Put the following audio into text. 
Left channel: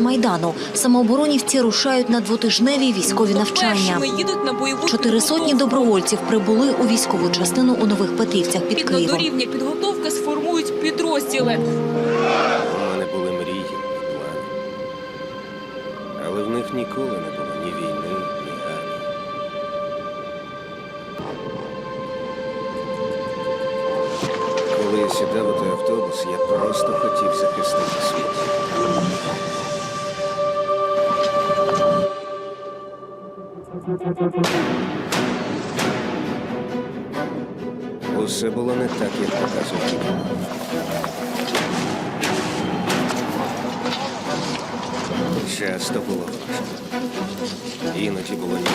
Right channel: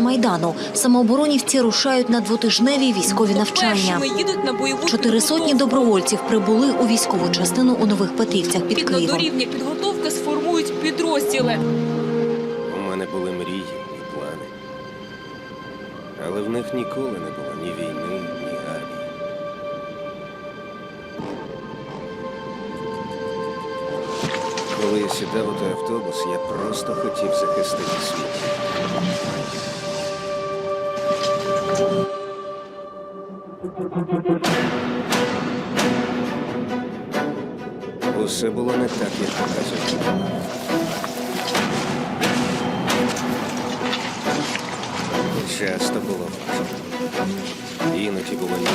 майдану. Самооборонівці рушають на двотижневі військові навчання. Чотири сотні добровольців прибули у військову частину у Нових Петрівцях під Києвом. рівня підготовки сформують підрозділи. У мене були мрії і плани. Але в них ніколи не було ні війни, ні армії. Коли я сідав у той автобус, я просто хотів захистити світ. Усе було не так, як показують. Часто було важко. Іноді було ні,